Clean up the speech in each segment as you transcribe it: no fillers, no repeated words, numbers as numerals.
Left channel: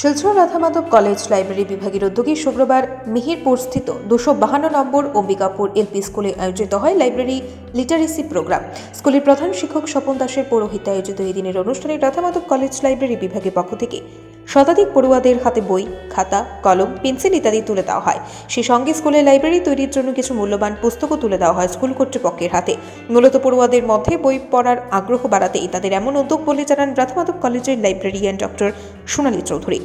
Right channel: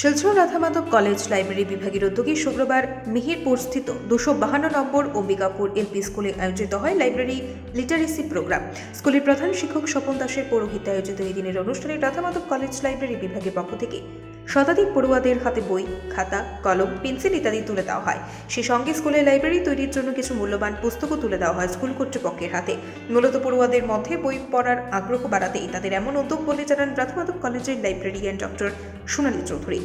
Silchar Radhamadhab college library বিভাগের উদ্যোগে শুক্রবার মিহিরপুরস্থিত 252 নম্বর অম্বিকাপুর এলপি স্কুলে আয়োজিত হয় লাইব্রেরি লিটারেসি প্রোগ্রাম। স্কুলের প্রধান শিক্ষক স্বপন দাসের পৌরোহিত্যে আয়োজিত এই দিনের অনুষ্ঠানে রাধামাধব কলেজ লাইব্রেরি বিভাগের পক্ষ থেকে শতাধিক পড়ুয়াদের হাতে বই, খাতা, কলম, পেন্সিল ইত্যাদি তুলে দেওয়া হয়। সেই সঙ্গে স্কুলের লাইব্রেরি তৈরির জন্য কিছু মূল্যবান পুস্তকও তুলে দেওয়া হয় স্কুল কর্তৃপক্ষের হাতে। মূলত পড়ুয়াদের মধ্যে বই পড়ার আগ্রহ বাড়াতেই তাদের এমন উদ্যোগ বলে জানান রাধামাধব কলেজের লাইব্রেরিয়ান ডক্টর সোনালী চৌধুরী।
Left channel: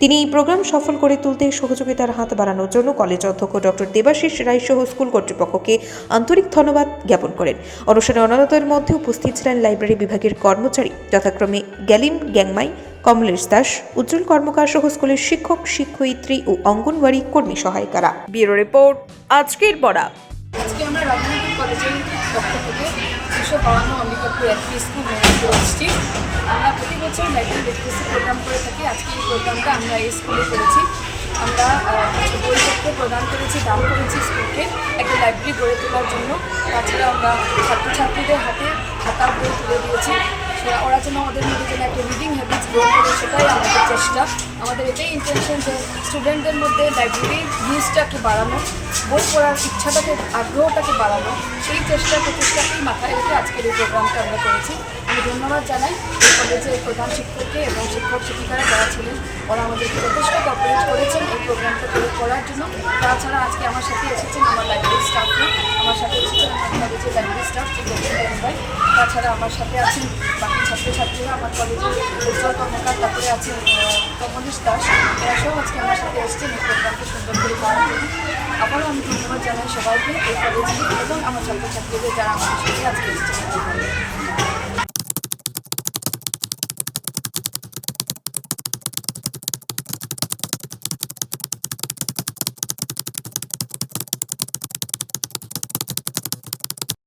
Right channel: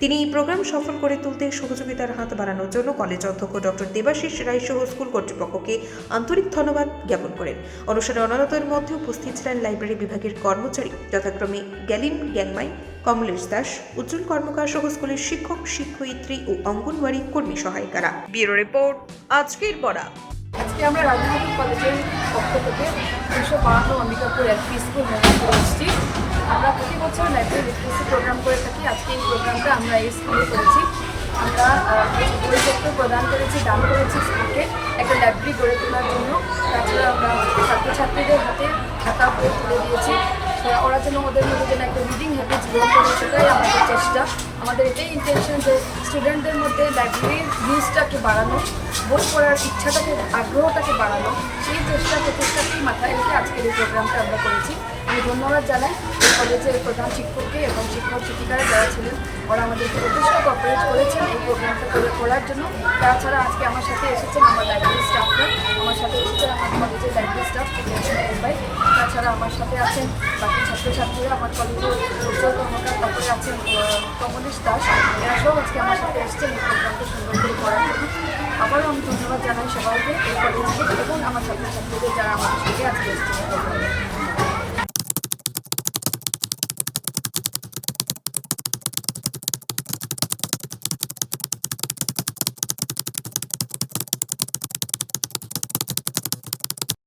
তিনি এই প্রোগ্রাম সফল করে তুলতে সহযোগিতার হাত বাড়ানোর জন্য কলেজ অধ্যক্ষ ডক্টর দেবাশিস রায় সহ স্কুল কর্তৃপক্ষকে আন্তরিক ধন্যবাদ জ্ঞাপন করেন। অনুষ্ঠানে অন্যদের মধ্যে উপস্থিত ছিলেন লাইব্রেরি বিভাগের কর্মচারী যথাক্রমে গ্যালিন গ্যাংমাই, কমলেশ দাস, উজ্জ্বল কর্মকার সহ স্কুলের শিক্ষক, শিক্ষয়িত্রী ও অঙ্গনওয়াড়ি কর্মী সহায়িকারা। ব্যুরো রিপোর্ট, আজকের পড়া। আজকে আমরা রাধামাধব কলেজের পক্ষ থেকে 252 অম্বিকাপুর এলপি স্কুল মেদিনীপুরে এসেছি। আমরা প্রতি বছর লাইব্রেরি লিটারেসি প্রোগ্রাম করে থাকি। আজকে এই প্রোগ্রামটা আমরা এই স্কুলে করেছি। আমরা বইপত্র প্রদান করেছি, দান করেছি স্কুলকে একটা লাইব্রেরি গড়ে তোলার জন্য। তাছাড়া আমরা ছাত্রছাত্রীদের হাতে খাতা বই তুলে দিয়েছি, ওরা যেন ওদের মধ্যে যেন একটা রিডিং হ্যাবিটস গ্রো করে, সেটাই আমাদের চেষ্টা। আমাদের এটাই ইন্টেনশন যে স্টুডেন্টদের মধ্যে লাইব্রেরির জিনিসটাকে বাড়ানো, বই পড়ার ইচ্ছাটাকে, আগ্রহটাকে বাড়ানো, সেই চেষ্টা প্রচেষ্টাকেই মাথায় রেখে আজকের এই প্রোগ্রামটা আমরা করেছি। আমি ধন্যবাদ জানাই এই কলেজের প্রধান শিক্ষককে এবং শিক্ষক শিক্ষিকারা যারা ছিলেন, ওরা আমাদেরকে যথেষ্ট কোঅপারেট করেছেন এই প্রোগ্রামটা করার জন্য। তাছাড়া আজকে আমার সাথে এসেছেন আমার লাইব্রেরি স্টাফরা, আমার সাথে এসেছেন আমার কলেজের লাইব্রেরি স্টাফ ভাই, তাছাড়া আমার সাথে আছেন বাকি ছাত্রছাত্রীরা, আমার কলেজের উজ্জ্বল কর্মকার, তারপরে আছেন কমলেশ দাস, এরা সব আজকে আমার সাথে এসেছেন এই প্রোগ্রামটা সুন্দর করে করার জন্য। আবারও আমি ধন্যবাদ জানাই সবাইকে, এই কলেজকে এবং আমার ছাত্রছাত্রীদের যারা আমাদের সাথে আজকে এসেছেন এই প্রোগ্রামে।